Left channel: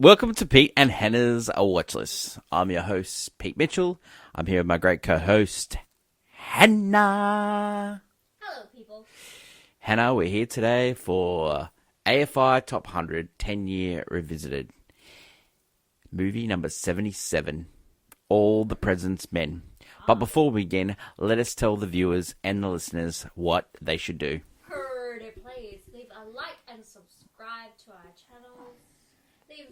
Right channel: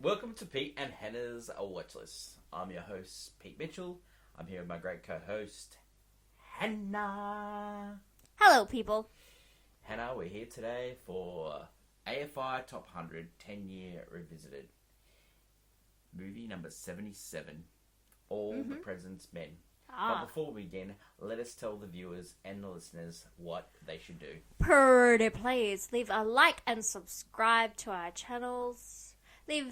Welcome to Pete and Hannah's Watchlist. I'm your host, Pete Mitchell. I'm here with my great co-host, Hannah. Hello, people. Hannah, we're here today for AFI Top 100 10-Year Revisited. Movie number 77, All the President's Men. But before we begin, let us tell the viewers and the listeners what they should do. Pretty please leave a like and subscribe to our channels. Leave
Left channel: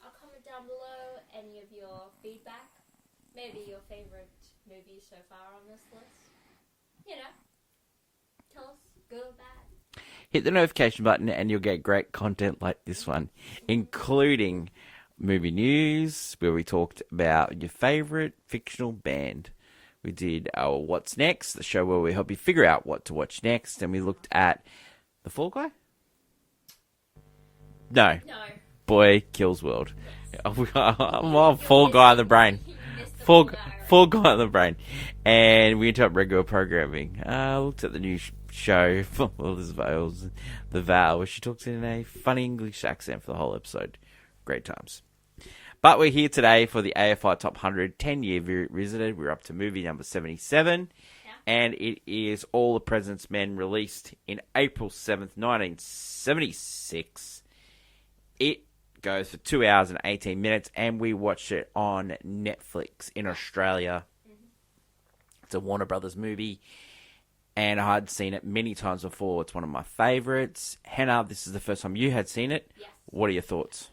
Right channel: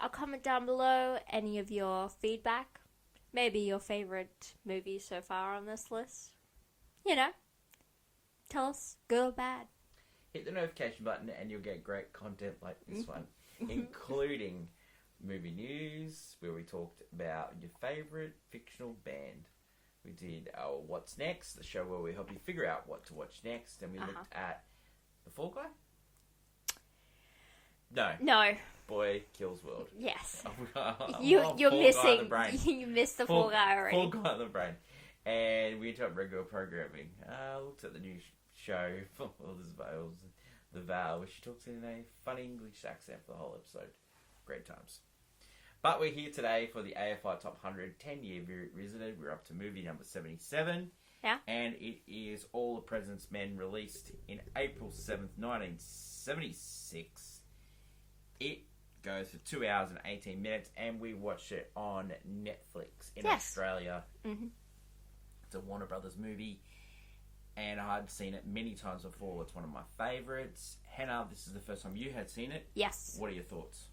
a comment down below, any of your feedback. Maybe your favorite movie so far on this list. You know, tell us, good or bad. Hit the notification button and you'll get great content like this one, including movie news, where we talked about your favorite fictional band. We did our What's Next, the show where we help you figure out what to watch next, and we looked at The Fall Guy? No. Boy Kills World. Yes. I'm on Fall Guy on the brain. You missed the Fall Guy already. Fall Guy on the brain. And we went up regular programming. Looked at the new show for Liz Vales, The Vow, where she talks in a funny English accent for the whole episode. Great times. But we're here today for the AFI Top 100 10-Year Revisited. We're up to movie number 77. Yeah. And it is All the President's Men, released in April 7th, 1976. It goes for 2 hours and 18 minutes, and we watched it on Netflix in Australia. Mm-hmm. It's a Warner Brothers movie, and I had seen it many times before. It's one of my favourites. Hannah, this is the first time you had seen it. Yes. What are your thoughts?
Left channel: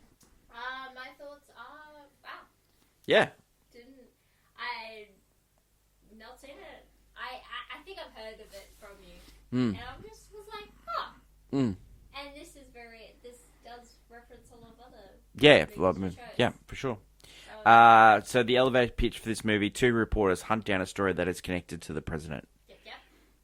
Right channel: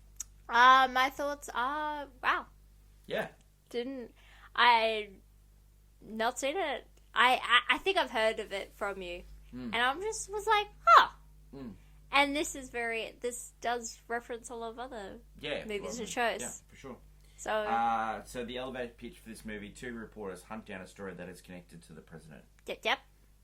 My thoughts are, wow. Yeah. I not seen it. I think I've heard of it from you. And I was like, huh. And this does reference a lot of other movies and shows. Yeah, for sure. So the elevator pitch for this movie: two reporters hunt down a story that is connected to the president. Yep.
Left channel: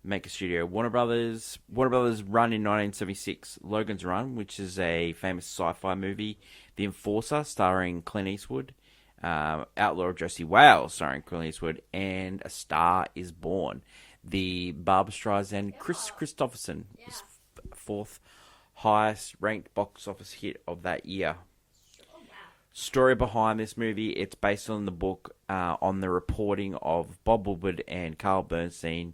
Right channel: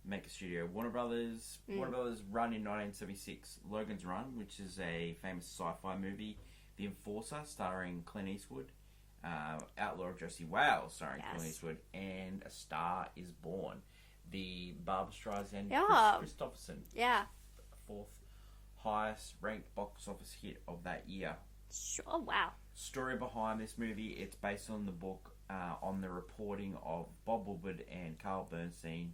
Make a studio. Warner Brothers run in 1976. Logan's Run, which is a famous sci-fi movie. The Enforcer, starring Clint Eastwood. Outlaw of Josie Wales, starring Clint Eastwood. And A Star Is Born. The Barbra Streisand, Chris Christopherson. Yeah. Fourth highest ranked box office hit of that year. Oh, wow. Story behind this movie: it's based on the book, on the reporting of Bob Woodward and Carl Bernstein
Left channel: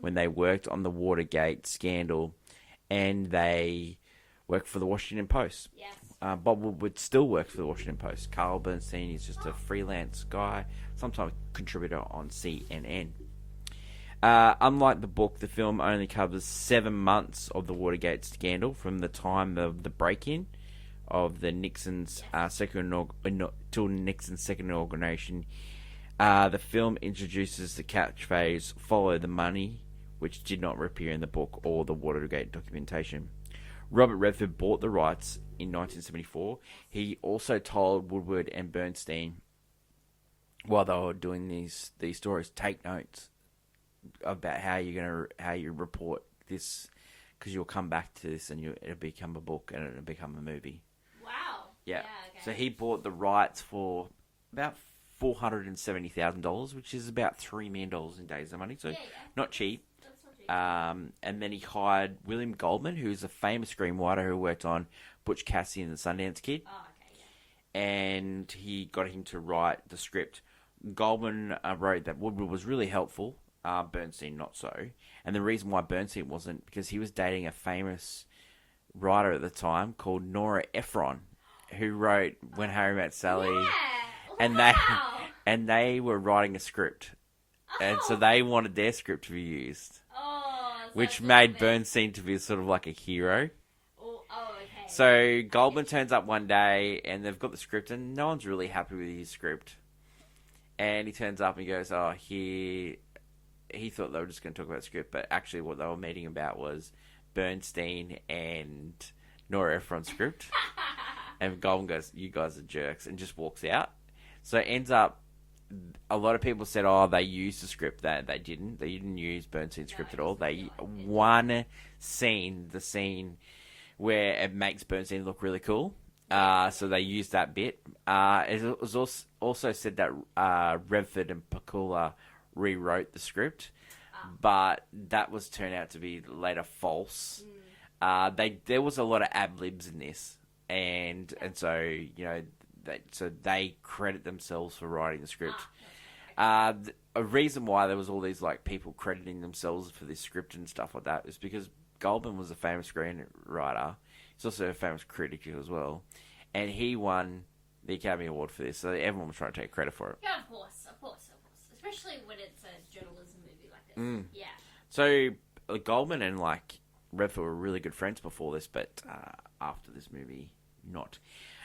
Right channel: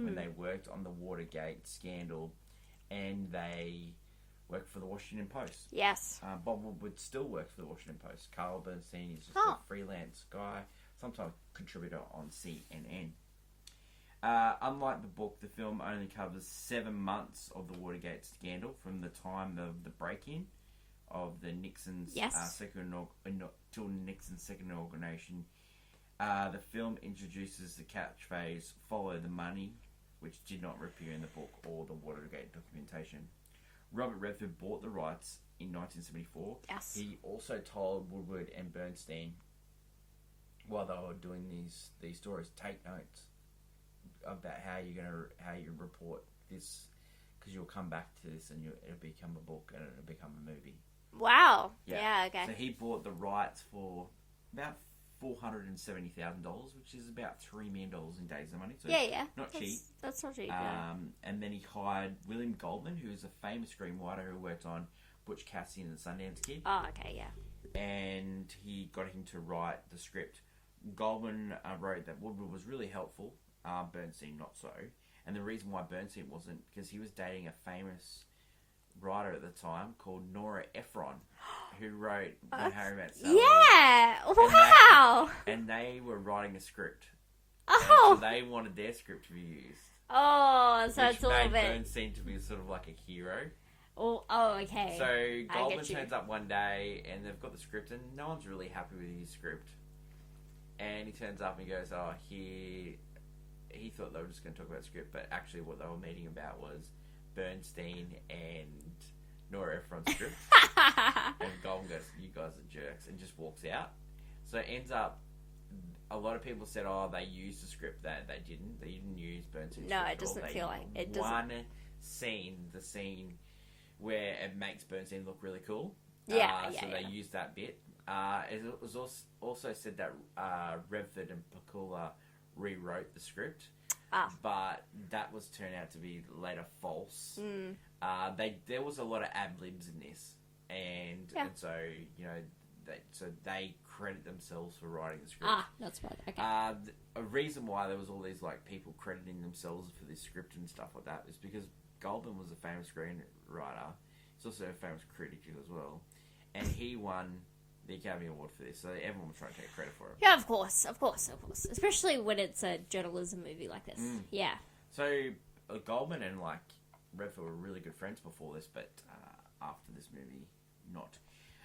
when they worked on the Watergate scandal, and they worked for the Washington Post. Yes. Bob Woodward still works for the Washington Post. Carl Bernstein is just a freelance guy, sometimes contributor on CNN. Unlike the book, the film only covers 7 months of the Watergate scandal, from the time of the break-in of the Nixon's till Nixon's second inauguration. The film introduces the catchphrase "Follow the money," which did not appear in the book or the Watergate documentation. Robert Redford bought the rights in 1974. Yes. He also told Woodward and Bernstein, while they were doing these stories, take notes about how you report this, because you'll come back to this and it'll become a book and it'll become a movie. Wow. Yeah. Okay. So he bought the rights for about $470,000, which is about $3 million in days of money. So not cheap. That's not cheap. And then he hired William Goldman, who's a famous screenwriter who worked on Butch Cassidy and the Sundance Kid. Oh, okay, yeah. And he got him to write the script. Goldman wrote that Woodward was really helpful. Bernstein not so. And the reason why Bernstein wasn't, because he was dating a famous writer at the time called Nora Ephron, who wrote When Harry Met Sally. Yeah! Wow! And they were writing a script. Oh. And so they wanted their script to be used. Oh, so which made Bernstein to be sort of like a hero. Oh, okay. So Goldman turns up one day and they've got the script and no one's really happy with his script. And he turns up and he goes, he thought they were just going to talk about the script, but actually what they were meeting about was Bernstein and Nora Ephron's script. And Goldman goes, you guys are jerks, and just walks out. So it ends up, a lot of people said, they used the script. That they didn't. They didn't use Bernstein's script at all. They one scene, the scene where it makes Bernstein look really cool. So they used that bit. It was also said that Redford and Pakula rewrote the script, but that was turned out to be later false. There was a lot of ad libs in this, and Yep. and so they credit themselves for writing the script. That's bad. Okay. A reason why there was all these like people crediting themselves for this script and stuff like that is because Goldman was a famous screenwriter. He's also a famous critic as well, and he won the Academy Award for this. So everyone was trying to take credit for it. Yeah, of course. Especially when it's a journalism movie like this. Yeah. So Goldman and like Redford were really good friends before this, but after this movie, not.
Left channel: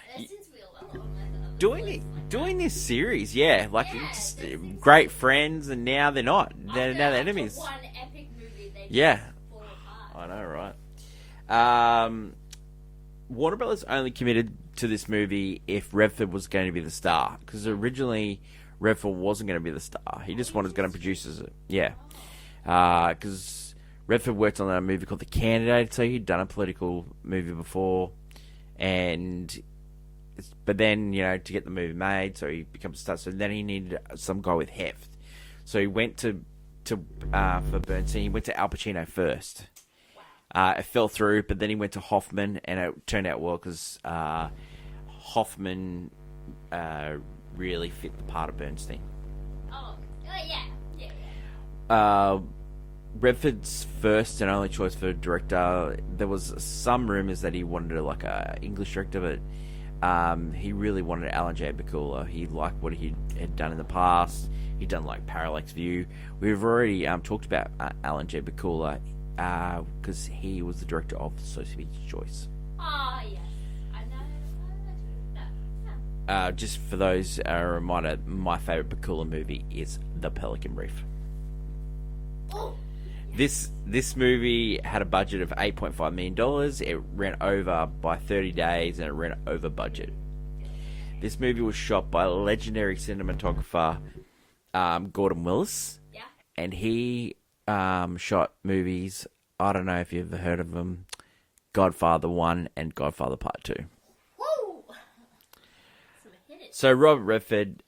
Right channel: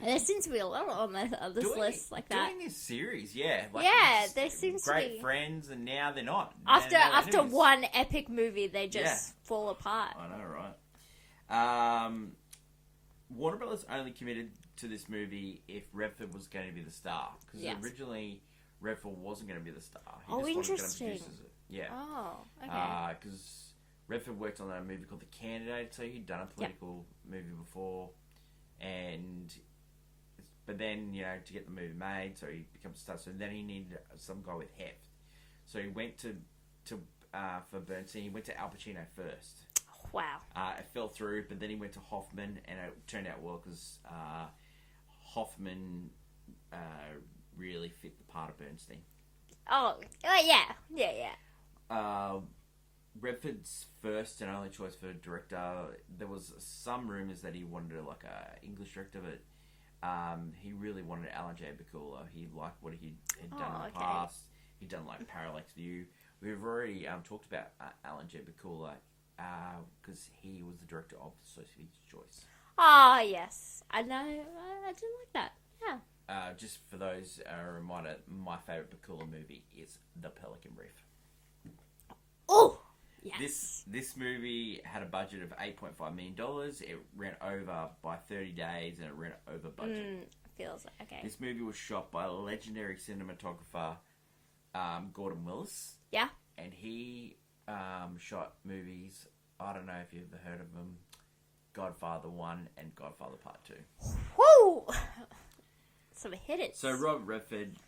There seems to be a lot on this list like that. Doing this series, yeah, like there seems great to be... friends, and now they're not. After one epic movie, they just fall apart. I know, right? Warner Brothers only committed to this movie if Redford was going to be the star, because originally Redford wasn't going to be the star. He just wanted to produce it. Yeah, because Redford worked on a movie called The Candidate, so he'd done a political movie before, but then, to get the movie made, so he becomes a star. So then he needed some guy with heft. So he went to for Bernstein, he went to Al Pacino first. Wow. It fell through, but then he went to Hoffman, and it turned out well because Hoffman really fit the part of Bernstein. Oh yeah. Redford's first and only choice for director. There was some rumors that he wanted like a English director, but he really wanted Alan J. Bakula. He liked what he had done in the past. He'd done like Parallax View. We've already talked about Alan J. Bakula because he was the director of Sophie's Choice. Oh yes, I know. I do like that. Yeah. Just for those, a reminder, my favorite Bakula movie is The Pelican Reef. Oh. Yes. This movie had a budget of $8.5 million. It ran over by 30 days, and it ran over budget. Okay. This movie was shot by legendary cinematographer Gordon Willis. Yeah. And he shot movies, I don't know if you've ever heard of them, Godfather 1 and Godfather Part 2. Woo! Some hitters. So Robert Redford,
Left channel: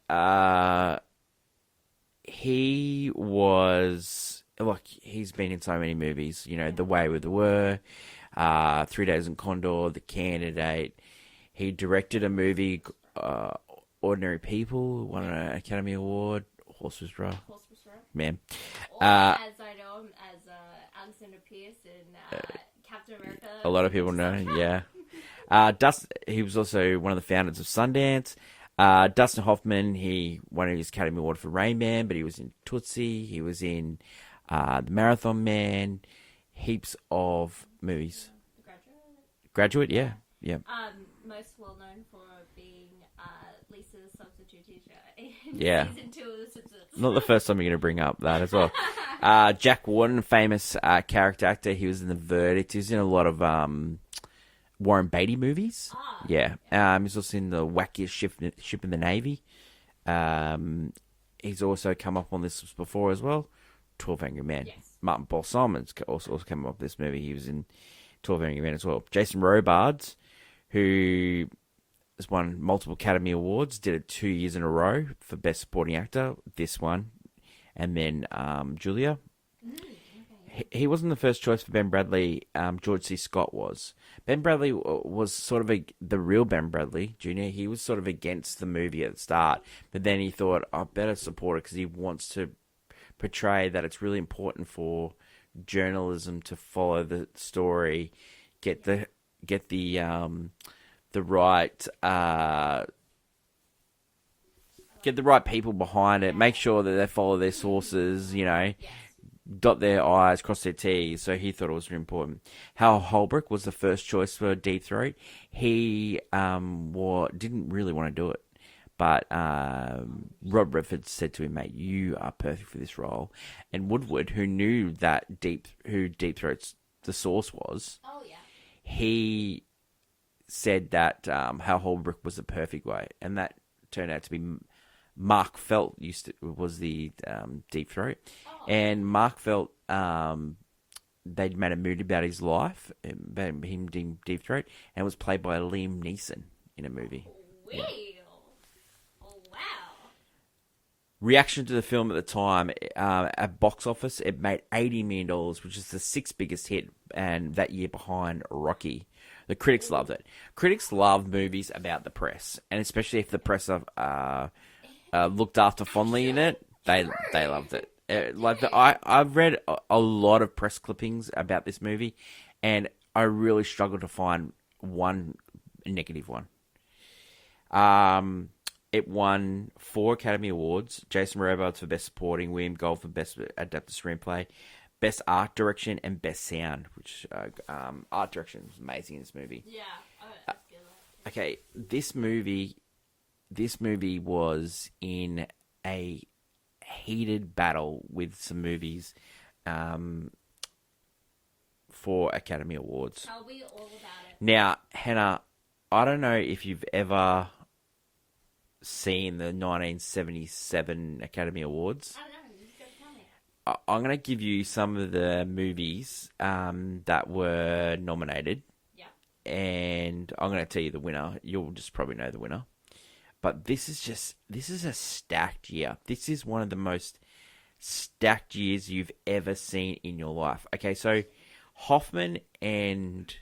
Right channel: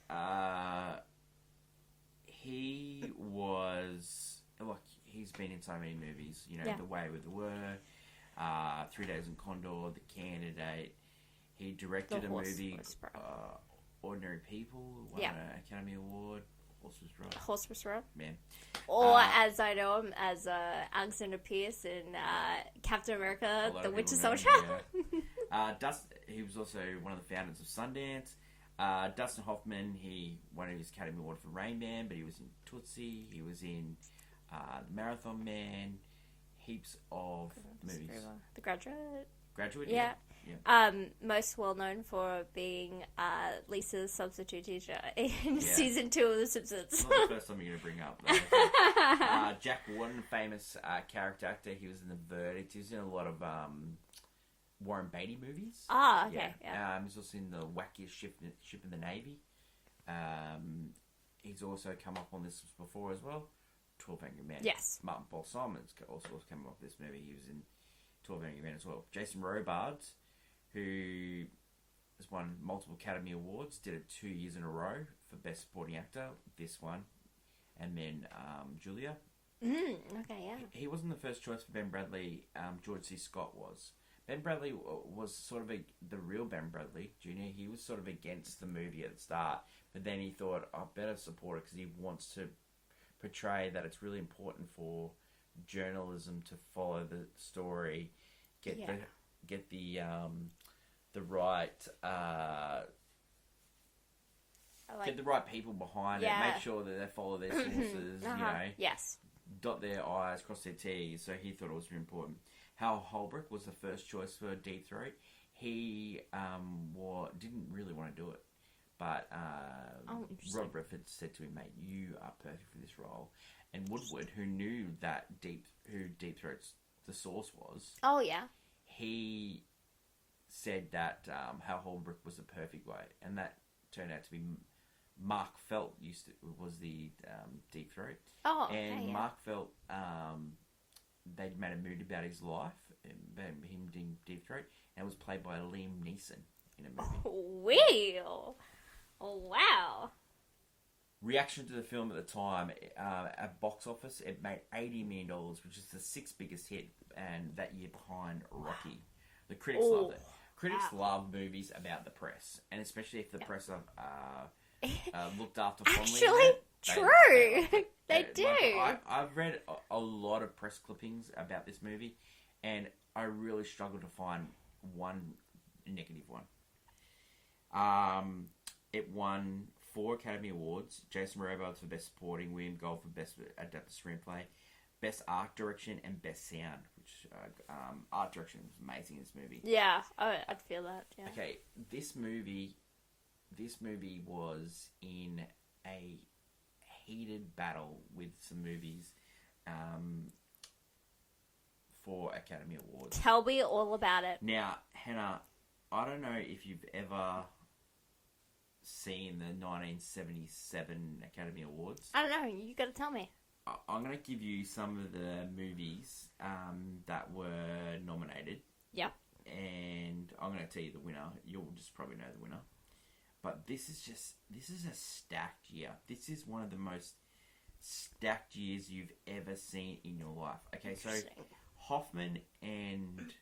he was... Like, he's been in so many movies, The Way We Were, 3 Days in Condor, The Candidate. He directed a movie, Ordinary People, won an Academy Award. Horse Whisperer. Man. Or as I know him, as Alexander Pierce in Captain America. A lot of people know him, yeah. He was also one of the founders of Sundance. Dustin Hoffman, he won his Academy Award for Rain Man, but he was in Tootsie. He was in... The Marathon Man, heaps of movies. The Graduate, yeah. Most well known for being Lisa's substitute teacher in season 2 of The Simpsons. Not the first time you're going to bring up that as well. Jack Warden, famous character actor. He was in The Verdict. He was in a lot of Warren Beatty movies. He's also in The Wackiest Ship in the Navy. He's also come up on this before as well. 12 Angry Men. Yes. Martin Paul Simon's also came up with this movie. He was in 12 Angry Men as well. Jason Robards, who has won multiple Academy Awards, did it 2 years in a row for Best Supporting Actor. This one. And then Julia. He wasn't the first choice for Ben Bradley. George C. Scott was. Ben Bradley was sort of the real Ben Bradley Jr. He was sort of against the movie at the start. But then he thought, I better support it because he wants to portray that it's really important for journalism to follow the story, get the right get the right people behind it, make sure that they follow their sources, dot their I's, cross their T's. So he thought it was really important. Hal Holbrook was the first choice for Deep Throat. He didn't really want to do it. But Rob Redford said to him, mate, you are perfect for this role. And Woodward, who knew who Deep Throat's the source was, he said that Hal Holbrook was the perfect way. And that turned out to be Mark Felt was the Deep Throat. Mark Felt, they'd made a movie about his life, about him being Deep Throat, and it was played by Liam Neeson in a movie. Oh, wow. Reaction to the film at the time, at box office, it made $80 million, which is the 6th biggest hit, and that year behind Rocky. The critics Ooh. loved it. Critics love movies about the press, and especially if the press are looked after fondly in it. They loved it. I've read a lot of press clippings about this movie, and I really struggled to find one negative one. It won 4 Academy Awards. Jason Robards for Best Supporting, William Gold for Best Adapted Screenplay, Best Art Direction, and Best Sound, which art direction is amazing in this movie. Yeah, I'd feel that. Yeah. Okay, this movie was in a heated battle with some movies for Academy Awards. Tell me all about it. Now, Hannah, I don't know if you've ever seen the 1977 Academy Awards. I don't know. You got to tell me. I'm going to give you some of the movies that were nominated. Yeah. And I'm going to tell you the winner. You'll just probably know the winner. But this is a stacked year. This is one of the most stacked years you've ever seen in your life. Okay, so Hoffman and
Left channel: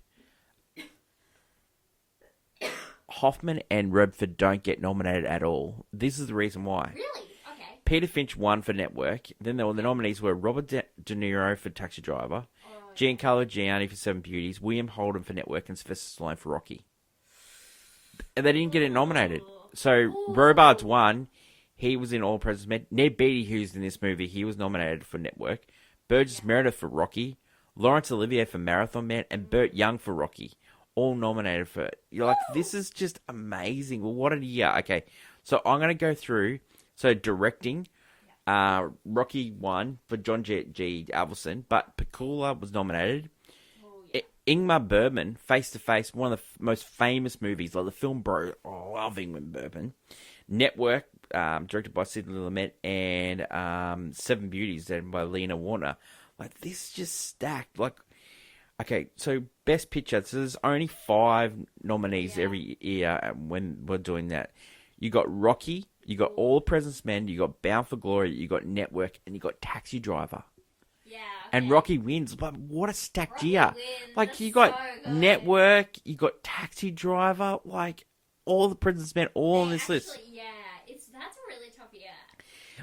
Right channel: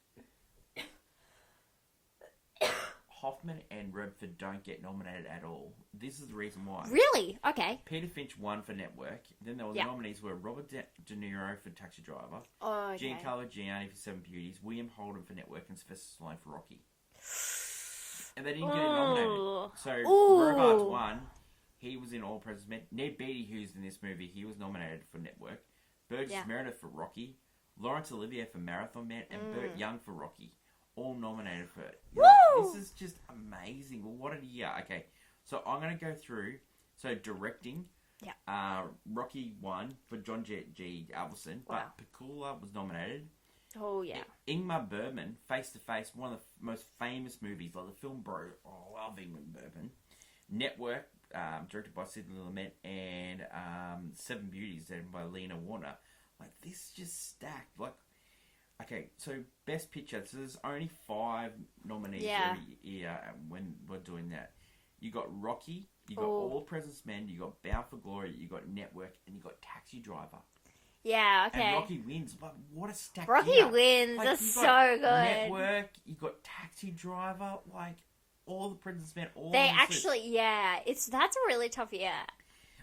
Redford don't get nominated at all. This is the reason why. Really? Okay. Peter Finch won for Network. Then the nominees were Robert De Niro for Taxi Driver, Giancarlo Giannini for Seven Beauties, William Holden for Network, and Sylvester Stallone for Rocky. And they didn't get it nominated. So Robards won. He was in All President's Men. Ned Beatty, who's in this movie, he was nominated for Network. Burgess Meredith for Rocky. Laurence Olivier for Marathon Man. And Burt Young for Rocky. All nominated for it. You're like, this is just amazing. Well, what a year. Okay, so I'm going to go through. So directing, Rocky won for John G. Avildsen, but Pakula was nominated. Oh, yeah. Ingmar Bergman, Face to Face, one of the most famous movies, like the film Bro. Oh, I love Ingmar Bergman. Network, directed by Sidney Lumet, and Seven Beauties, directed by Lena Warner. Like, this just stacked. Like, okay, so Best Picture. So there's only 5 nominees every year when we're doing that. You got Rocky, you got All the President's Men, you got Bound for Glory, you got Network, and you got Taxi Driver. Yeah, okay. And Rocky wins, but what a stacked Rocky year. wins. Like, That's you got so good. Network, you got Taxi Driver, like, All the President's Men, all on this list. That's a really tough year.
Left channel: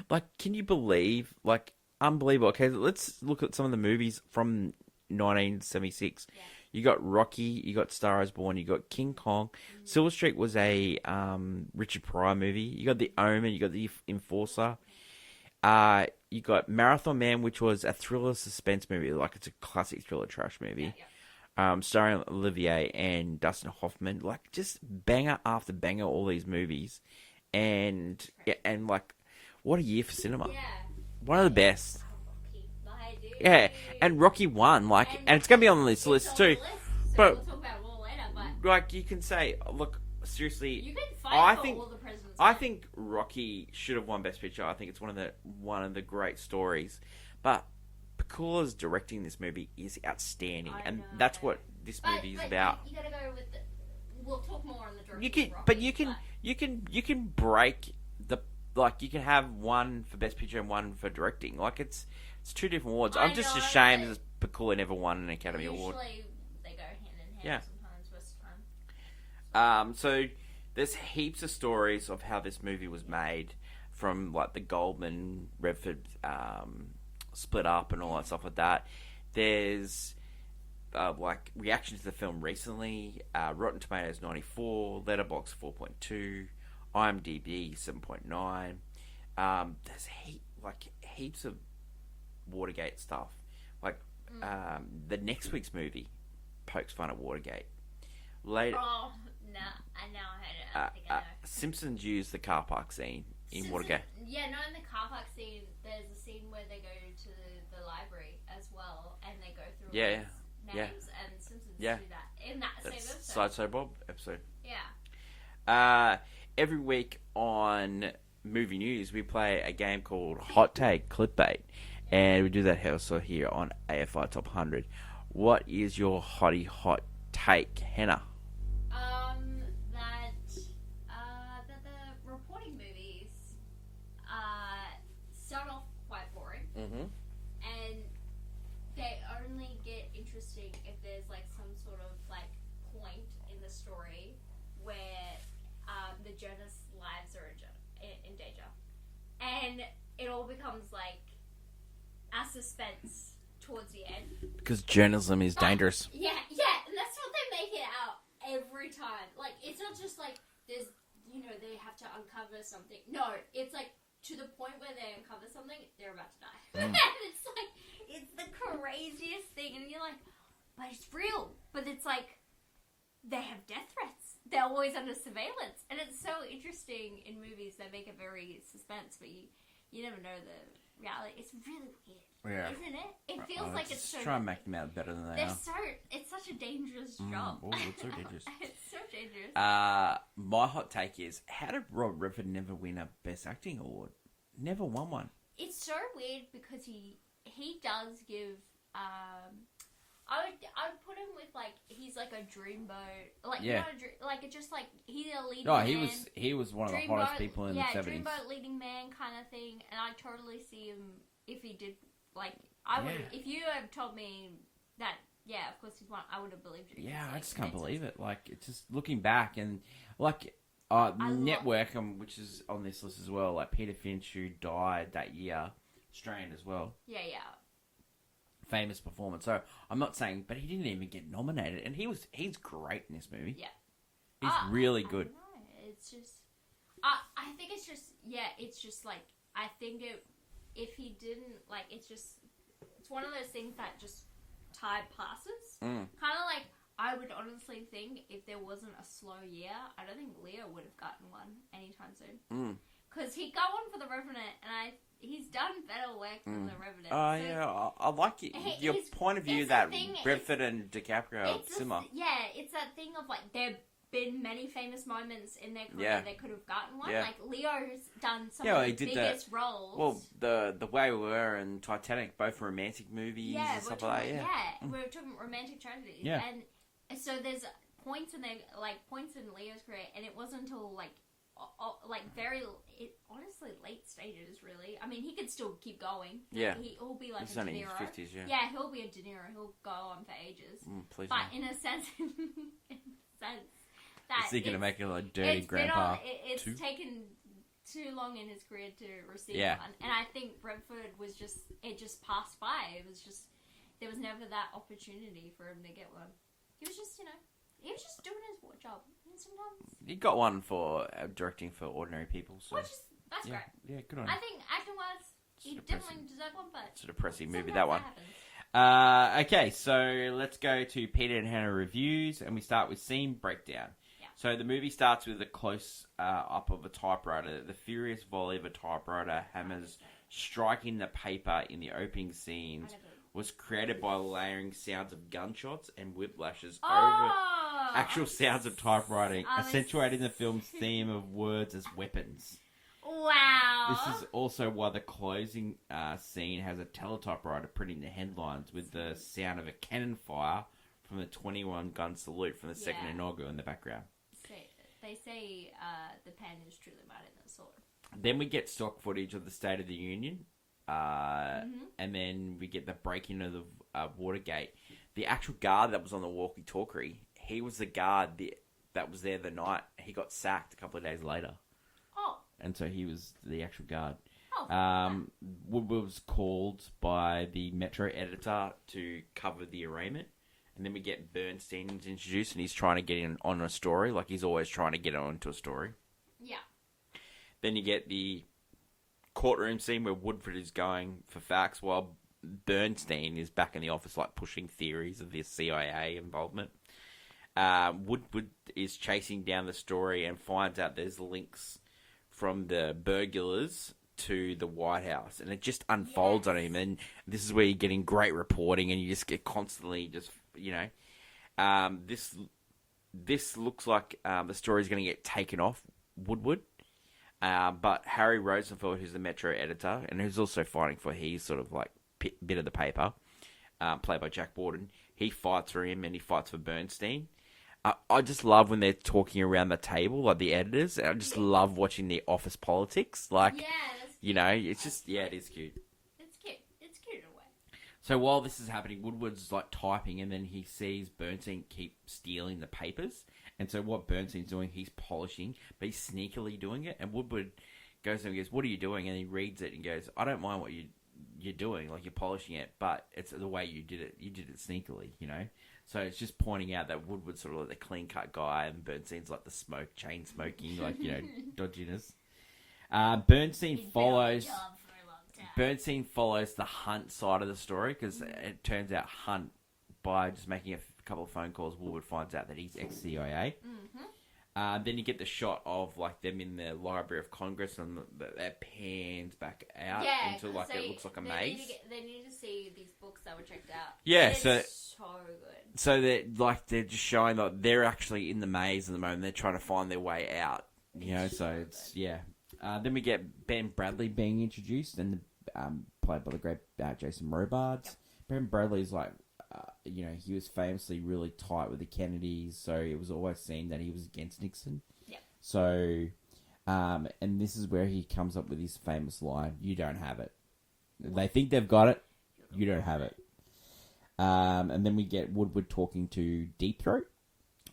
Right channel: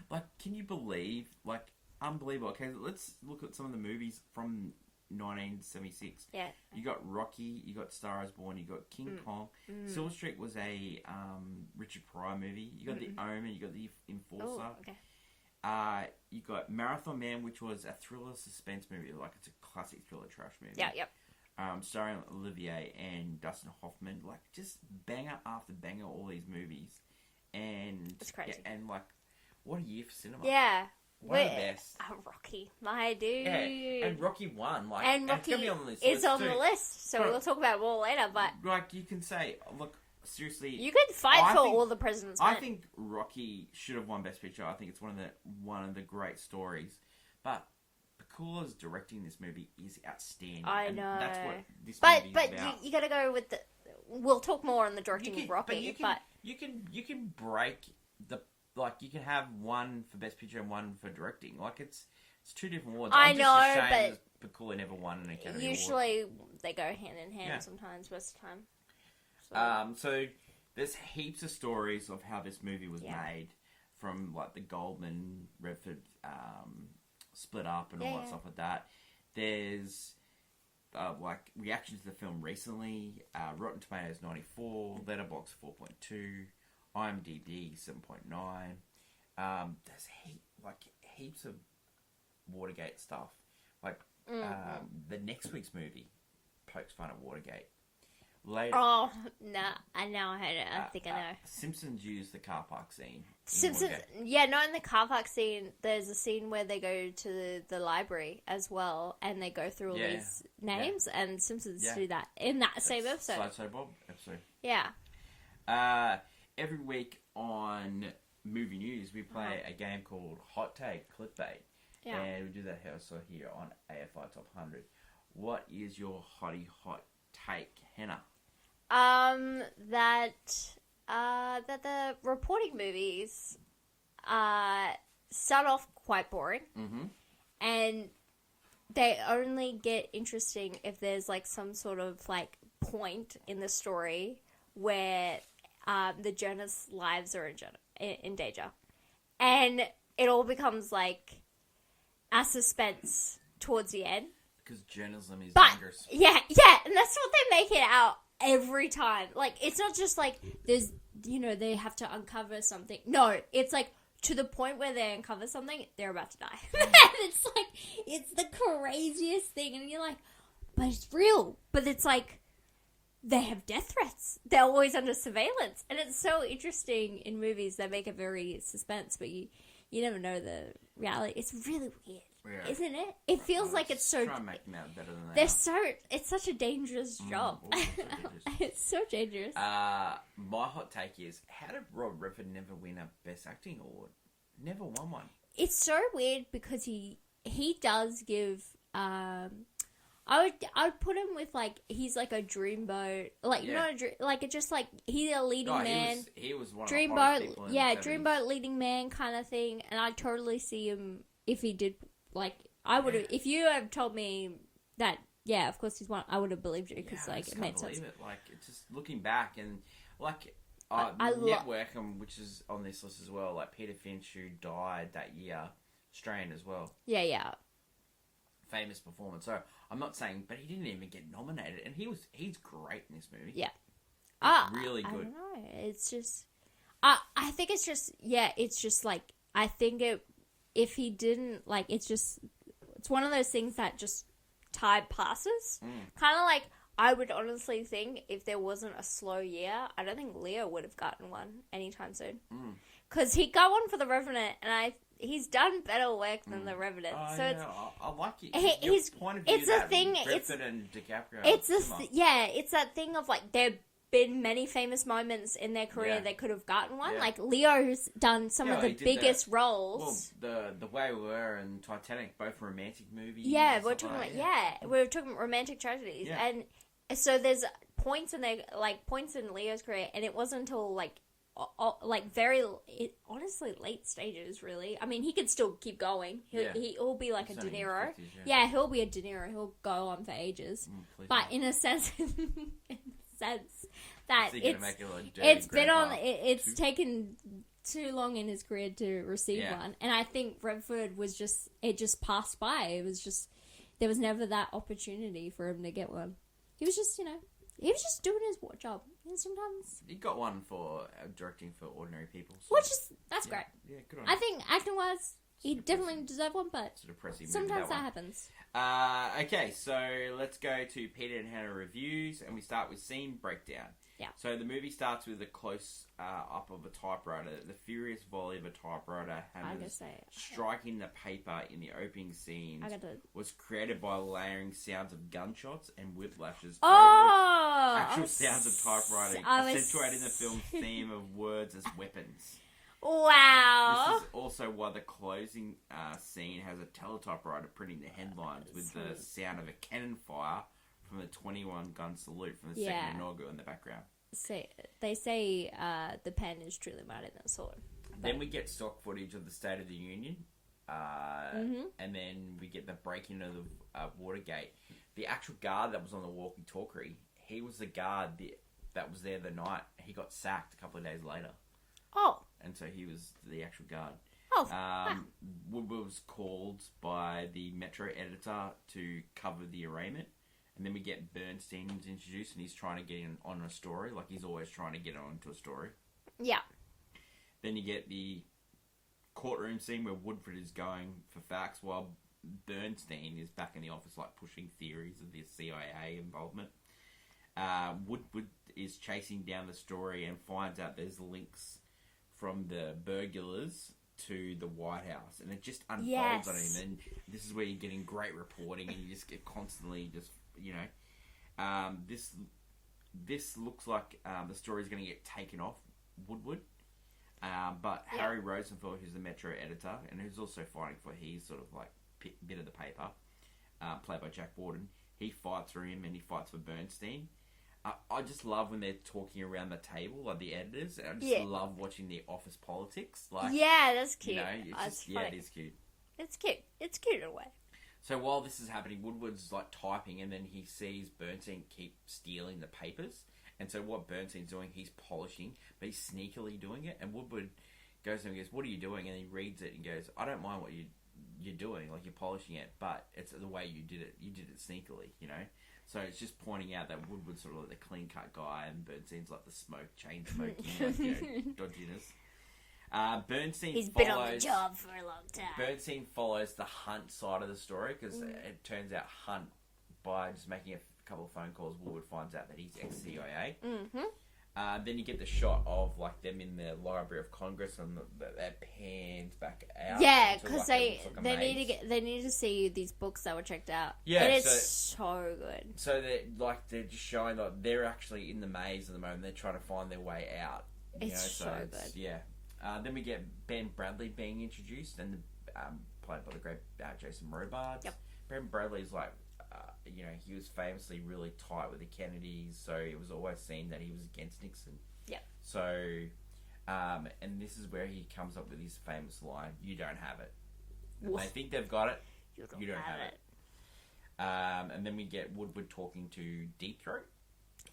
Like, can you believe, like, unbelievable. Okay, let's look at some of the movies from 1976. Yeah. You got Rocky, you got Star is Born, you got King Kong. Silver Streak was a Richard Pryor movie. You got The Omen, you got The Enforcer. You got Marathon Man, which was a thriller suspense movie. Like, it's a classic thriller trash movie. Yeah, yep. Starring Olivier and Dustin Hoffman. Like, just banger after banger, all these movies. And, like, what a year for cinema. Yeah. One of the best. Rocky, my dude. Yeah, and Rocky won, like, and it's gonna be on this list too. It's on the list, so we'll talk about it more later. But like, you can say, look, seriously, you could fight for All the President's Men. I think Rocky should have won Best Picture. I think it's one of the great stories. But Pakula's directing this movie is outstanding, and that's what this movie is about. But you gotta go with the. We'll talk more on the directing of Rocky. But you can break the. Like, you can have one for Best Picture and one for directing. Like, it's 2 different awards. I'm just ashamed that Pakula never won an Academy Award. Usually they go hand in hand sometimes, most of the time. So there's heaps of stories of how this movie was made, from, like, the Goldman, Redford split up and all that stuff like that. There's, like, reactions to the film recently. Rotten Tomatoes 94, Letterboxd 4.2. IMDb 7.9. There's heaps of Watergate stuff. Like the next week's movie pokes fun at Watergate. Later. Oh nah, I know. I think I know. Simpsons use the car park scene in Watergate. Yeah, not in the car park scene. There's a scene where they go to the library as well, and they go through all these names, and Simpsons do that in that same episode. Sideshow Bob episode. Yeah. Every week on Movie News, we play a game called Hot Take Clickbait. Yeah. And we do that also here on AFI Top 100. What is your hot take, Hannah? That the reporting movies start off quite boring. And they only get interesting if there's, like, some sort of, like, point in the story where the journalists' lives are in danger, and it all becomes like a suspense towards the end. Because journalism is But- dangerous. Yeah, and that's what they make it out every time. Like, it's not just like there's, they have to uncover something. No, it's like to the point where they uncover something, they're about to die. And it's like, it's the craziest thing, and you're like, but it's real. But it's like, they have death threats. They're always under surveillance, and it's so interesting in movies that make it very suspense, but you never know the reality. It's really weird, isn't it? It feels like it's so. Try and make them out better than they They're are. so. It's such a dangerous job. Oh, it's so dangerous. It's so dangerous. My hot take is, how did Rob Redford never win a Best Acting award? Never won one. It's so weird because he does give. I would put him with like he's like a dreamboat, like like just like he's a leading man. He was one of the hottest people in the 70s. Dreamboat leading man kind of thing, and I totally see him if he did like I would have if you have told me that of course he's one, I would have believed you. Yeah, Like, I just can't believe it. Like, it's just looking back and like Network, which is on this list as well. Like Peter Finch, who died that year, Australian as well. Yeah. Famous performance. So I'm not saying, but he didn't even get nominated, and he's great in this movie. Yeah, he's really good. I don't know. It's just, I think it's just like I think if he didn't like, it's one of those things that just time passes. Kind of like I would honestly think if there wasn't a slow year, I don't think Leo would have gotten one anytime soon. Because he got one for The Revenant, and he's done better work than The Revenant. I like it. Your point of view it's that a thing, Redford and DiCaprio. It's that thing of like there've been many famous moments in their career they could have gotten one. Yeah. Like Leo's done some of the biggest roles. Well, the Way We Were and Titanic, both romantic movies. Yeah, and we're stuff talking. like We're talking romantic tragedies, and so there's points in Leo's career, and it wasn't until honestly late stages, really. I mean, he could still keep going. He'll be like a De Niro. 50s, he'll be a De Niro. He'll go on for ages. But in a sense, that it's taken too long in his career to receive one, and I think Redford it just passed by. It was just there was never that opportunity for him to get one. He was just doing his job. And sometimes he got one for directing for Ordinary People. So. That's great. Yeah, good on him. I think acting wise, he definitely deserved one, but it's a depressing movie. Sometimes that happens. Okay, so let's go to Peter and Hannah reviews, and we start with scene breakdown. Yeah. So the movie starts with a close up of a typewriter. The furious volley of a typewriter hammers striking the paper in the opening scenes was created by layering sounds of gunshots and whiplashes over actual sounds of typewriting, accentuating the film's theme of words as weapons. Wow. This is also why the closing scene has a teletypewriter printing the headlines with the sound of a cannon fire from the 21-gun salute from the second inaugural in the background. They say the pen is truly mightier than the sword. Then we get stock footage of the State of the Union, and then we get the breaking of the Watergate. The actual guard that was on the walkie-talkie, he was the guard that was there the night. He got sacked a couple of days later. Oh. And so he was the actual guard. Oh. Woodward was called by the Metro editor to cover the arraignment. And then we get Bernstein introduced, and he's trying to get in on a story. Like, he's always trying to get onto a story. Yeah. Then you get the courtroom scene where Woodford is going for facts while Bernstein is back in the office, like, pushing theories of the CIA involvement. Woodward is chasing down the story and finds out there's links from the burglars to the White House. And it just unfolds on him. And this is where you're getting great reporting, and you just get constantly just... this looks like the story's going to get taken off Woodward. But Harry Rosenfeld, who's the Metro editor, and who's also fighting for his sort of like bit of the paper, played by Jack Warden, he fights for him and he fights for Bernstein. I just love when they're talking around the table, like the editors. I just love watching the office politics. Like, that's cute. it's just, it is cute. It's cute. It's cute in a way. So while this is happening, Woodward's like typing, and then he sees Bernstein keep stealing the papers. And so what Bernstein's doing, he's polishing, but he's sneakily doing it. And Woodward goes to him and goes, "What are you doing?" And he reads it and goes, "I don't mind what you're doing, like you're polishing it, but it's the way you did it. You did it sneakily, you know." So it's just pointing out that Woodward's sort of like the clean cut guy, and Bernstein's like the chain smoking, like dodginess. Bernstein He's been on the follows. job for a long time. Bernstein follows the Hunt side of the story because it turns out Hunt, by just making a couple of phone calls, Woodward finds out that he's ex-CIA. Then you get the shot of like them in the Library of Congress, and that pans back out. Yeah, into, because like, they need to see these books that were checked out. Yeah, and it's so good. So they're just showing that they're actually in the maze at the moment. They're trying to find their way out. It's so good. Yeah. Then we get Ben Bradley being introduced, and played by the great Jason Robards. Yep. Ben Bradley's like, he was famously really tight with the Kennedys, so it was always seen that he was against Nixon. Yep. So, and this is where he comes up with his famous line, "You don't have it." They think they've got it. You don't have it. And then we get Woodward talking to Deep Throat.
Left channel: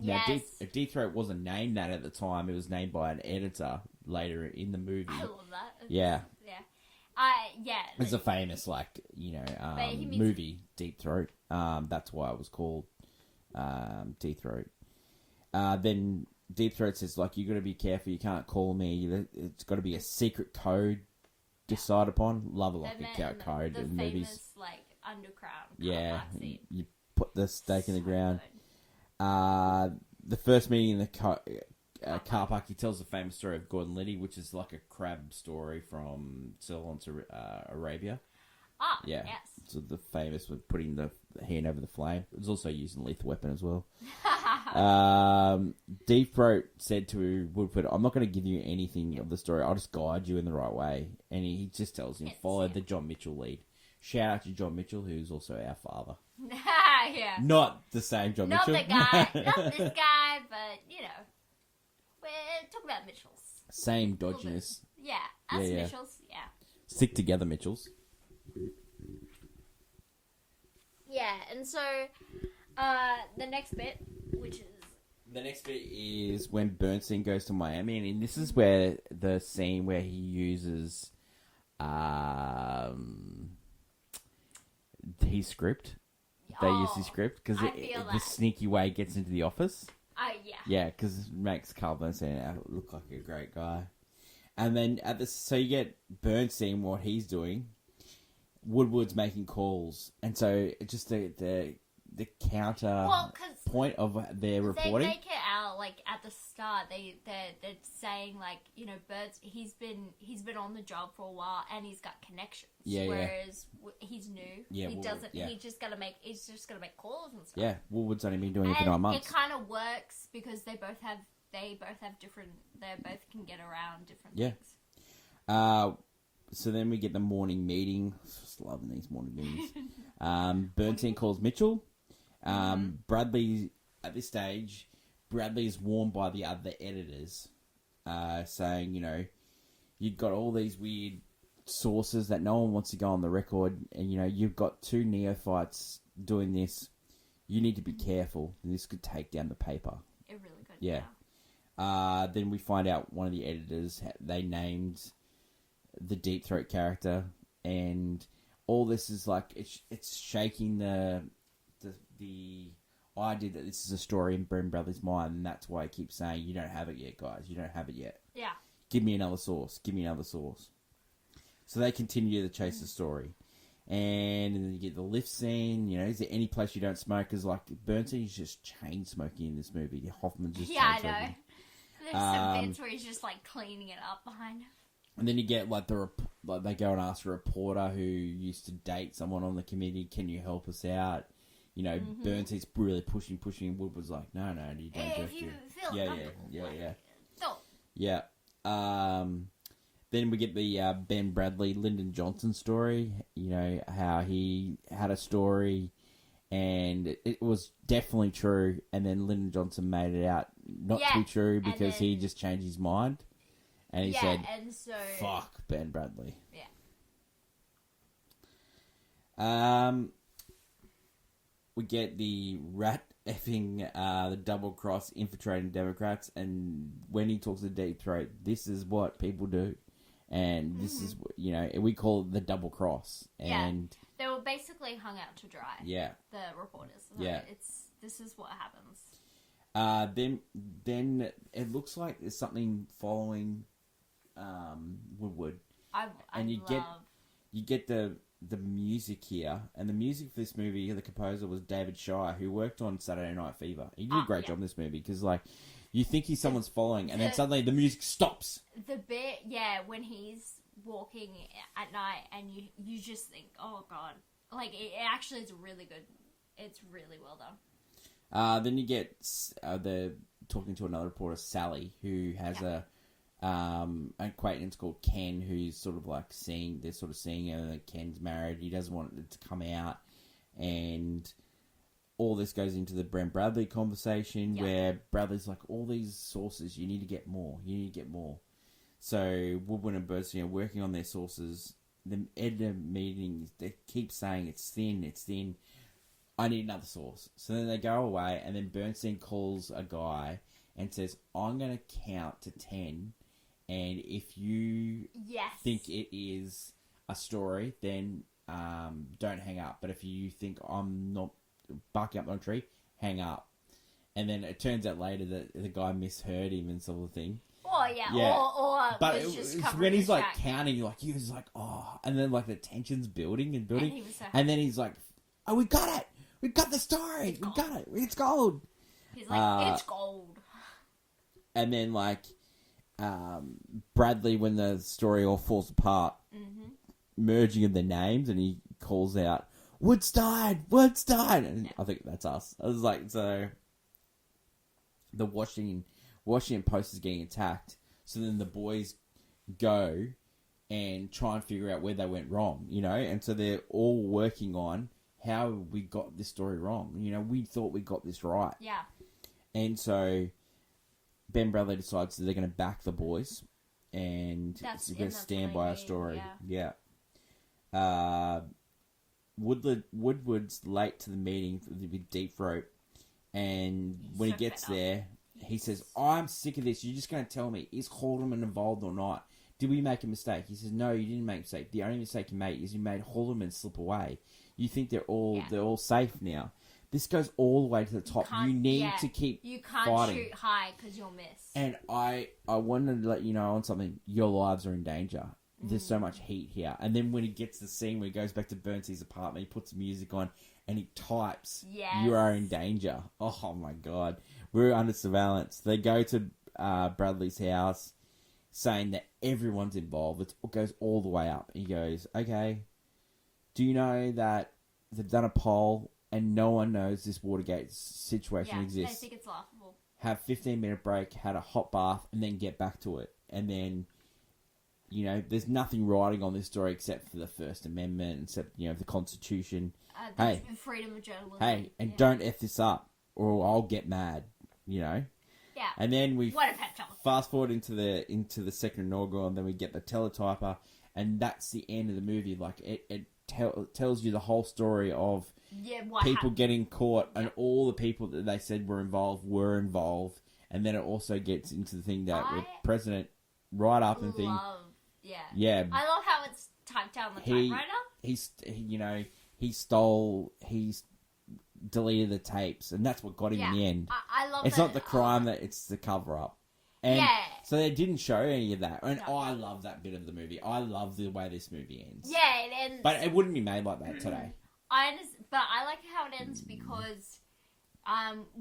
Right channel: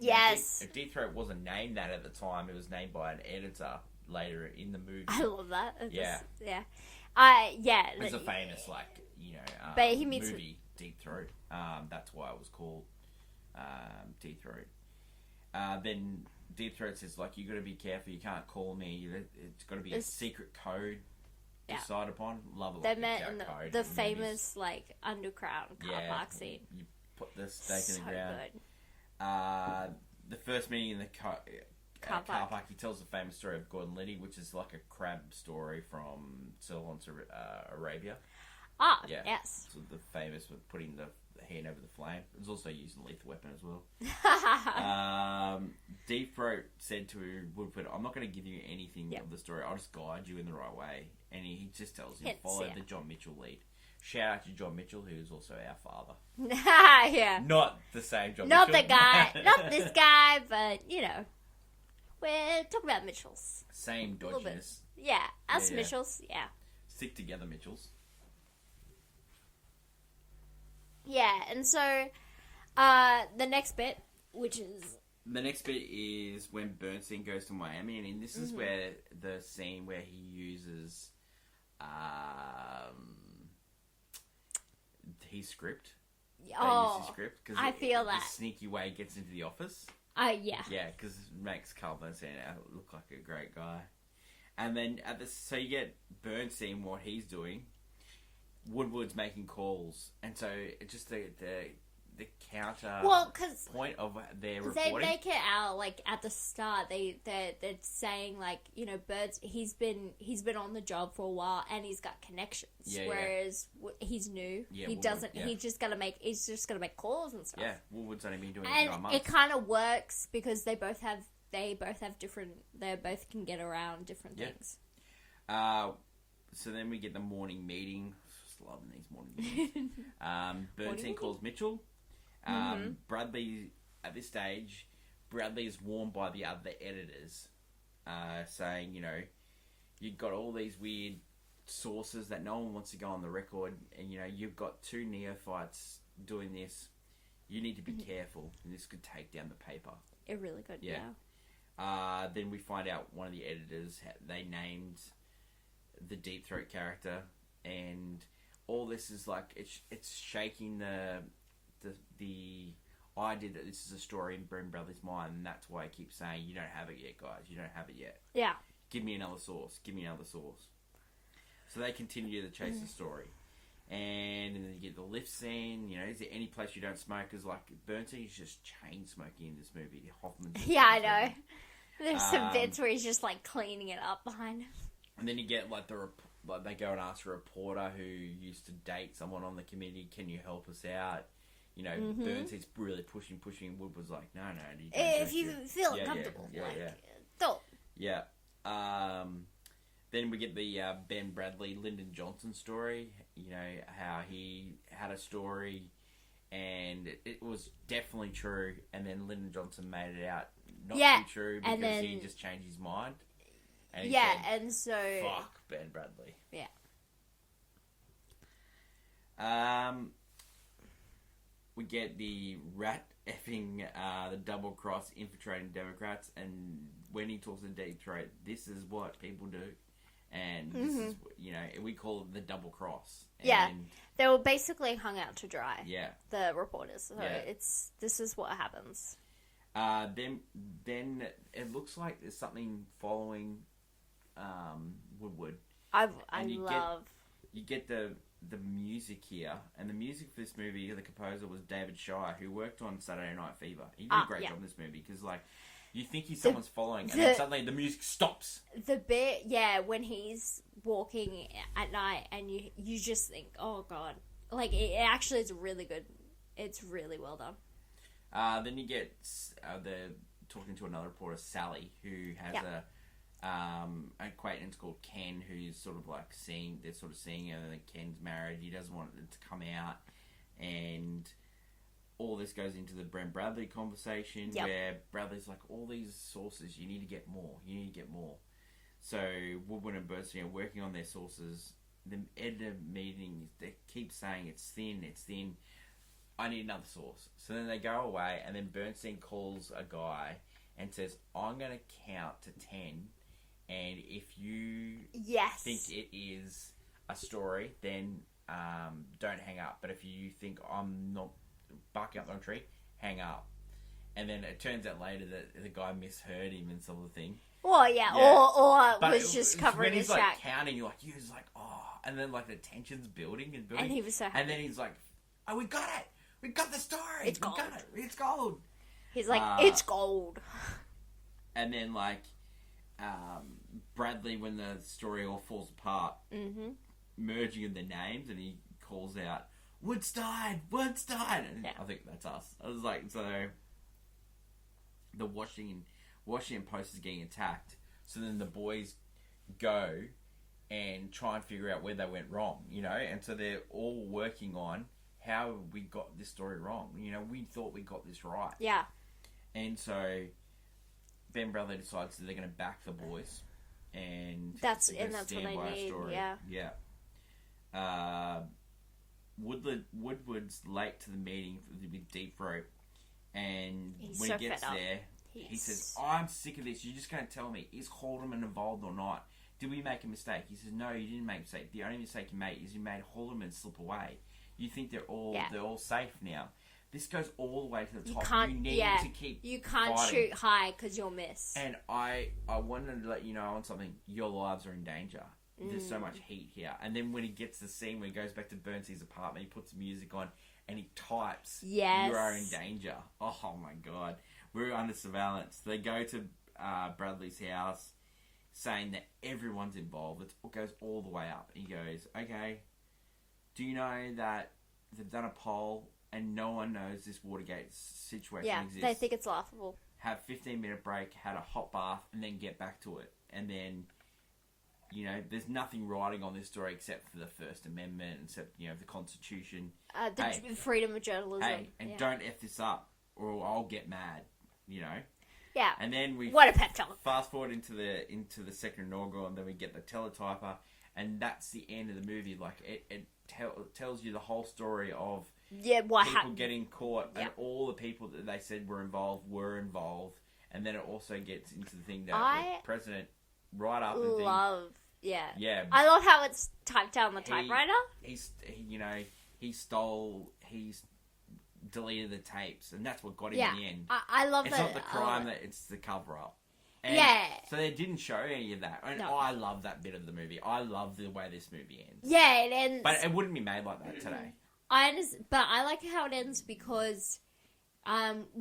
Yes. Deep Throat wasn't named that at the time. It was named by an editor later in the movie. I love that. Yeah. It's a famous, but he means... movie, Deep Throat. That's why it was called Deep Throat. Then Deep Throat says, you got to be careful. You can't call me. It's got to be a secret code decided upon. Love it, the code. The famous, underground car park scene. You put the stake in the ground. Good. The first meeting in the car park, he tells the famous story of Gordon Liddy, which is like a crab story from Silence Arabia. Ah, yeah. Yes. So the famous with putting the hand over the flame. It was also used in Lethal Weapon as well. Deep Throat said to Woodward, "I'm not going to give you anything of the story. I'll just guide you in the right way." And he just tells him, follow the John Mitchell lead. Shout out to John Mitchell, who's also our father. Yeah. Not the same John Not Mitchell. the guy. Not this guy, but, we're talking about Mitchells. Same dodginess. Yeah, us Mitchells, yeah. Stick together, Mitchells. Yeah, and so, the next bit, which is... The next bit is when Bernstein goes to Miami, and this is where the scene where he uses his script. They use his script because the sneaky way he gets into the office. Yeah. Yeah, because it makes Carl Bernstein look like a great guy. And then so you get Bernstein, what he's doing. Woodward's making calls, and so it's just the counter point of their reporting. They make it out at the start. They're saying Birds. He's been on the job for a while and he's got connections. Yeah, whereas he's new. Yeah, he doesn't. Yeah. He's just gonna make calls and stuff. Yeah, Woodward's only been doing it for 9 months. It kind of works because they both have different. They both can get around different things. So then we get the morning meeting. Just loving these morning meetings. Bernstein calls Mitchell. Bradley, at this stage, Bradley is warned by the other editors, saying, you've got all these weird sources that no one wants to go on the record, and, you've got 2 neophytes doing this. You need to be careful. This could take down the paper. It really could, yeah. Then we find out one of the editors, they named the Deep Throat character, and all this is it's shaking the idea that this is a story in Ben Bradley's mind, and that's why he keeps saying, "You don't have it yet, guys. You don't have it yet. Yeah. Give me another source. Give me another source." So they continue to chase the story, and then you get the lift scene. Is there any place you don't smoke? Because Bernstein's just chain smoking in this movie. Hoffman's just I know. There's some bits where he's just cleaning it up behind him. And then you get they go and ask a reporter who used to date someone on the committee, "Can you help us out?" Bernstein's really pushing. Woodward's like, no, you don't. If you feel uncomfortable. Yeah. Then we get the Ben Bradley, Lyndon Johnson story. How he had a story, and it was definitely true, and then Lyndon Johnson made it out not to be true because he just changed his mind. And he said, and so... fuck Ben Bradley. Yeah. we get the rat effing the double cross infiltrating Democrats, and when he talks to Deep Throat, this is what people do, and this is we call it the double cross. And they were basically hung out to dry. Yeah, the reporters. So yeah, this is what happens. Then it looks like there's something following Woodward. You get the music here, and the music for this movie, the composer was David Shire, who worked on Saturday Night Fever. He did a great job in this movie, because like you think someone's following, and then suddenly the music stops. The bit, when he's walking at night, and you just think, oh god, like it actually is really good. It's really well done. Then you get the talking to another reporter, Sally, who has an acquaintance called Ken, who's sort of like they're sort of seeing her, that Ken's married. He doesn't want it to come out, and all this goes into the Brent Bradley conversation, where Bradley's like, all these sources, you need to get more. So Woodward and Bernstein are working on their sources. The editor meeting, they keep saying it's thin. I need another source. So then they go away, and then Bernstein calls a guy and says, I'm going to count to 10, and if you think it is a story, then don't hang up. But if you think I'm not barking up the tree, hang up. And then it turns out later that the guy misheard him and sort of thing. Or was just covering when he's his like track. counting, he was like, oh, and then like the tension's building, and he was so and then he's like, oh, we got it, we got the story, we got it, it's gold. He's like, it's gold. And then like Bradley, when the story all falls apart, merging of the names, and he calls out, Woods died, and I think that's us. I was like, so the Washington Post is getting attacked, so then the boys go and try and figure out where they went wrong, and so they're all working on how we got this story wrong. We thought we got this right. Yeah. And so Ben Bradley decides that they're going to back the boys, and they're going to stand by our story. Yeah. Woodward's late to the meeting with Deep Throat, and when he gets there, he says, I'm sick of this. You're just going to tell me, is Haldeman involved or not? Did we make a mistake? He says, no, you didn't make a mistake. The only mistake you made is you made Haldeman slip away. You think they're all safe now. This goes all the way to the top. You need to keep You can't fighting. shoot high because you'll miss. And I wanted to let you know on something. Your lives are in danger. There's so much heat here. And then when he gets to the scene where he goes back to Bernstein's apartment, he puts music on and he types, you are in danger. Oh my God. We're under surveillance. They go to Bradley's house saying that everyone's involved. It goes all the way up. He goes, okay, do you know that they've done a poll and no one knows this Watergate situation exists? They think it's laughable. Have 15-minute break, had a hot bath, and then get back to it. And then, there's nothing writing on this story except for the First Amendment, except, the Constitution. Freedom of journalism. Hey, and don't F this up, or I'll get mad, Yeah. And then we what a pep talk. Fast forward into the second inaugural, and then we get the teletyper, and that's the end of the movie. Like, it tells you the whole story of people getting caught, and all the people that they said were involved, and then it also gets into the thing that the president right up and thing. I love how it's typed out on the typewriter. He's deleted the tapes, and that's what got him in the end. I love it's that. Not the crime, that it's the cover up. And so they didn't show any of that. And I love that bit of the movie. I love the way this movie ends. Yeah, it ends. But it wouldn't be made like that today. I understand, but I like how it ends because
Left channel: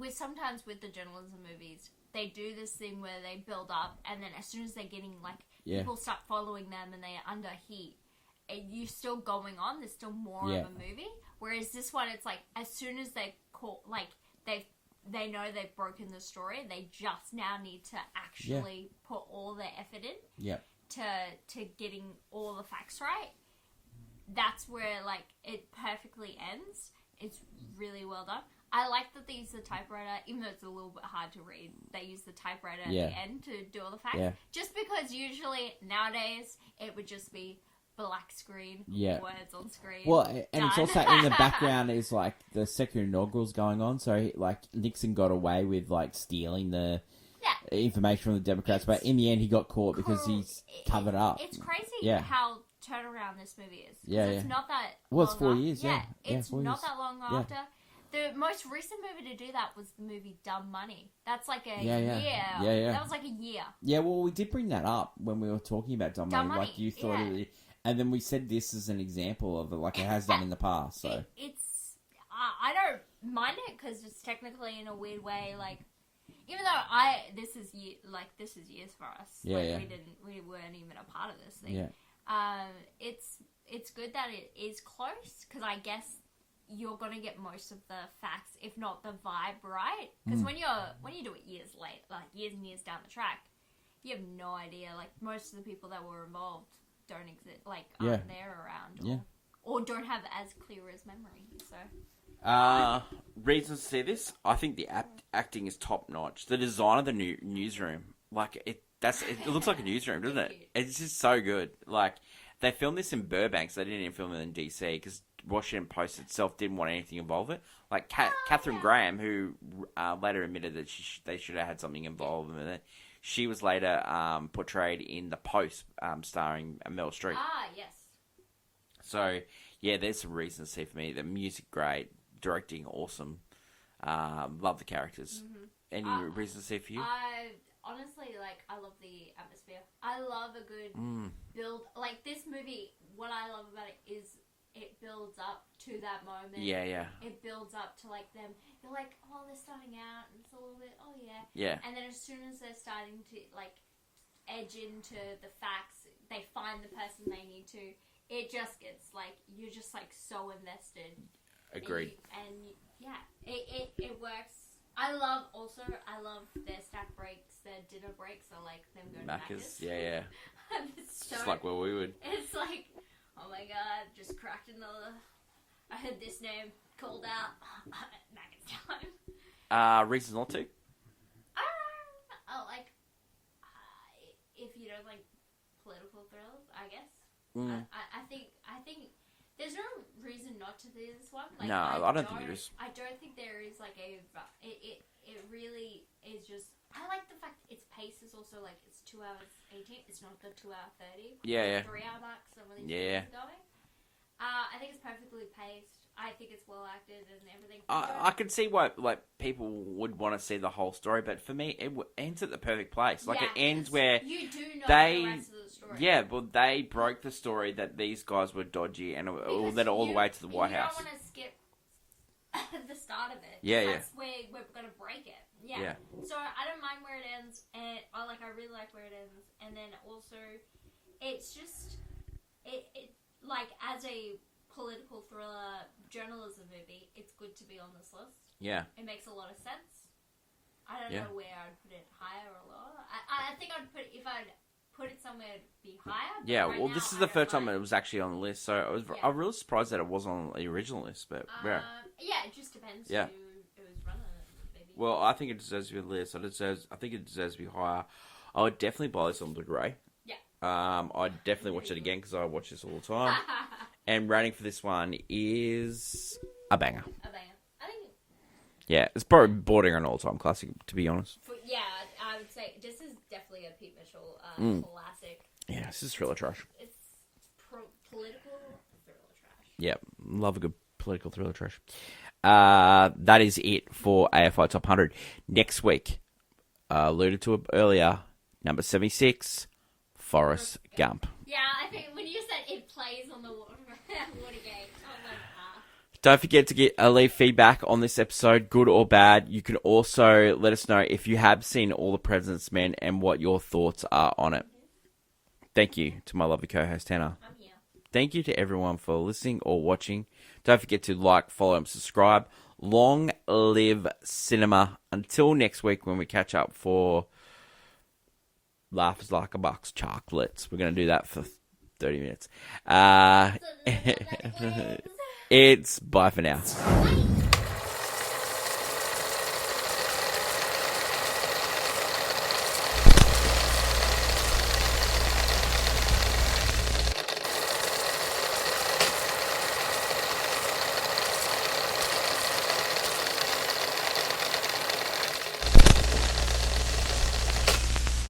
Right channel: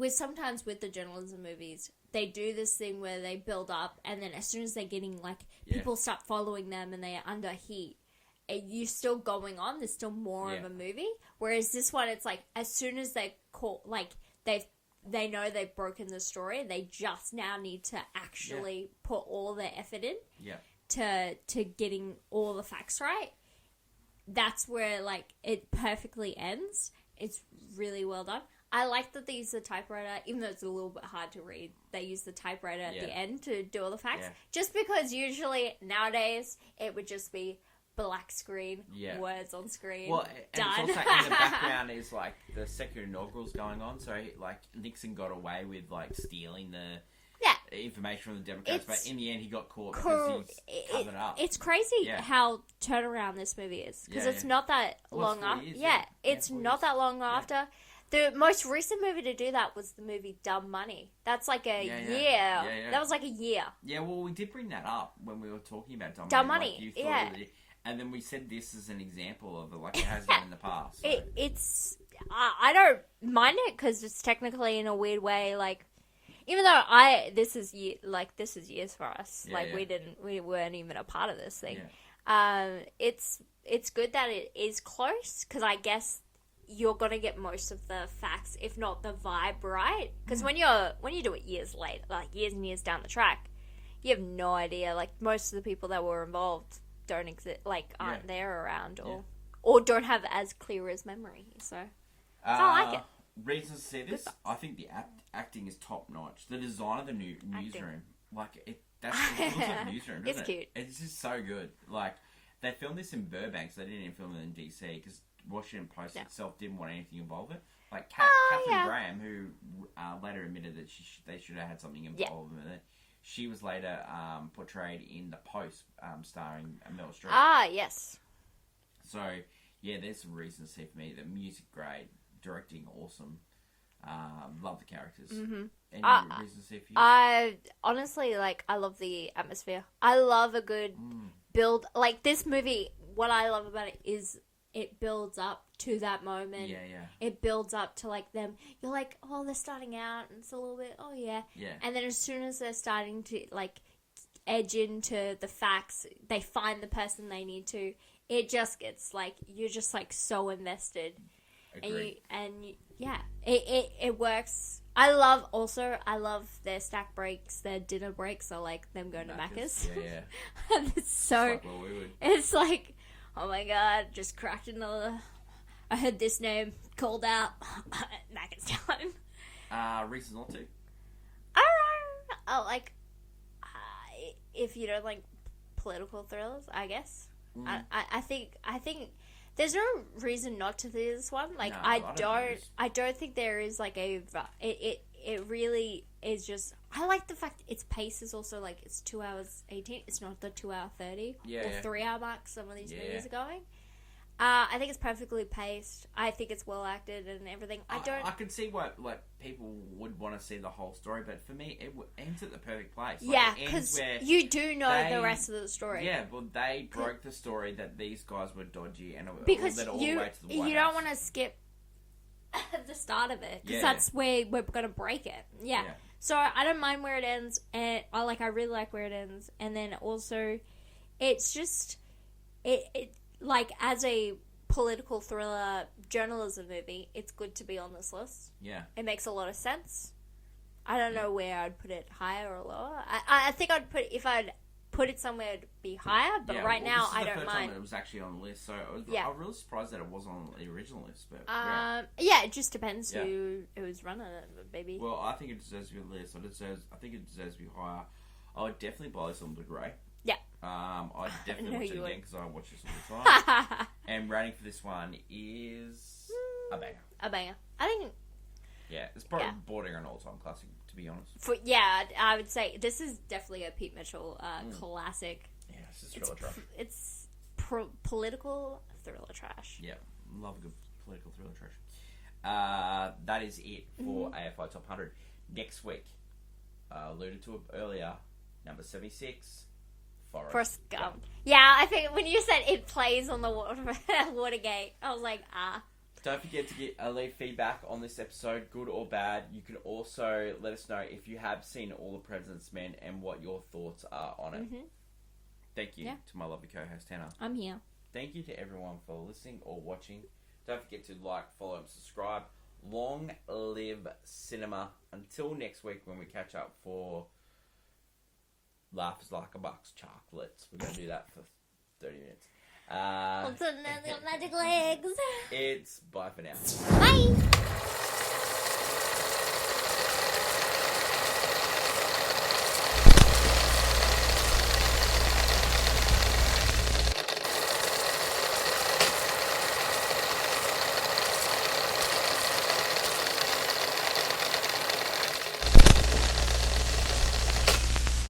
sometimes with the journalism movies, they do this thing where they build up, and then as soon as they're getting people start following them and they're under heat, and you're still going on. There's still more of a movie. Whereas this one, it's like as soon as they they know they've broken the story, they just now need to actually put all their effort in. Yeah. To getting all the facts right. That's where it perfectly ends. It's really well done. I like that they use the typewriter, even though it's a little bit hard to read. They use the typewriter at the end to do all the facts. Yeah. Just because usually nowadays it would just be black screen, Yeah. words on screen. Well, and it's done. also in the background is like the second inaugural's going on, so like Nixon got away with like stealing the information from the Democrats, but in the end he got caught because he's covered up. It's crazy how turnaround this movie is because it's not that long. It's 4 years. It's not that long after. The most recent movie to do that was the movie Dumb Money. That's like a year. That was like a year. Yeah, well, we did bring that up when we were talking about Dumb Money. Like you thought and then we said this is an example of it, like it has done in the past. So. It's I don't mind it because it's technically in a weird way like. Even though this is years for us. We weren't even a part of this thing. Yeah. It's good that it is close because I guess you're gonna get most of the facts, if not the vibe, right? Because when you do it years late, like years and years down the track, you have no idea. Like most of the people that were involved don't exist, like aren't there around, or don't have as clear as memory. So I like it. Reasons to see this, I think the acting is top notch. The design of the newsroom, like it looks like a newsroom, doesn't it? Cute. It's just so good. Like they filmed this in Burbank, so they didn't even film it in DC because Washington Post itself didn't want anything involved with it. Like Catherine Graham, who later admitted that they should have had something involved with it. She was later portrayed in The Post, starring Meryl Streep. Ah, yes. So yeah, there's some reasons to see for me. The music great. Directing awesome. Love the characters. Mm-hmm. Any reasons to see for you? I honestly I love the atmosphere. I love a good build. Like this movie, what I love about it is it builds up to that moment. Yeah. It builds up to like them. You're like, oh, they're starting out, and it's a little bit, oh yeah. Yeah. And then as soon as they're starting to like edge into the facts, they find the person they need to. It just gets like you're just like so invested. Agreed. It works. I love their snack breaks, their dinner breaks are like them going to Macca's. Yeah. And it's so It's like where we would. It's like, oh my god, just cracked another. I heard this name called out. Macca's time. Reasons not to. If you don't like political thrillers, I guess. I think there's no reason not to do this one. Like no, I don't think there is like a it really is just. I like the fact its pace is also like it's 2 hours 18. It's not the 2 hour 30. Yeah. 3 hour mark. Some of these movies are going. I think it's perfectly paced. I think it's well acted and everything. I can see why like people would want to see the whole story, but for me, it ends at the perfect place. Like it ends where you do know the rest of the story. Yeah, but they broke the story that these guys were dodgy and led all the way to the White House. You don't want to skip the start of it because that's where we're gonna break it. Yeah. So I don't mind where it ends, and I really like where it ends, and then also, it's just it. Like, as a political thriller journalism movie, it's good to be on this list. Yeah. It makes a lot of sense. I don't know where I'd put it, higher or lower. I think if I'd put it somewhere, it'd be higher, but right now, this is the first time it was actually on the list, so I'm really surprised that it wasn't on the original list. But it just depends who's running it, baby. Well, I think it deserves to be on the list. I think it deserves to be higher. I would definitely buy this on Blu-ray. Yeah. I'd definitely watch it again because I watch this all the time. And rating for this one is a banger. A banger. I think. Yeah, it's probably bordering on all-time classic, to be honest. I would say this is definitely a Pete Mitchell classic. Yeah, this is thriller trash. It's political thriller trash. Yeah, love a good political thriller trash. That is it for AFI Top 100. Next week, alluded to it earlier, number 76, Forrest Gump. Yeah, I think when you said it plays on the Watergate, I was like, Don't forget to leave feedback on this episode, good or bad. You can also let us know if you have seen All the President's Men and what your thoughts are on it. Mm-hmm. Thank you to my lovely co-host, Hannah. I'm here. Thank you to everyone for listening or watching. Don't forget to like, follow, and subscribe. Long live cinema. Until next week when we catch up for Laughs Like a Buck's Chocolates. We're going to do that for 30 minutes. It's bye for now. Bye.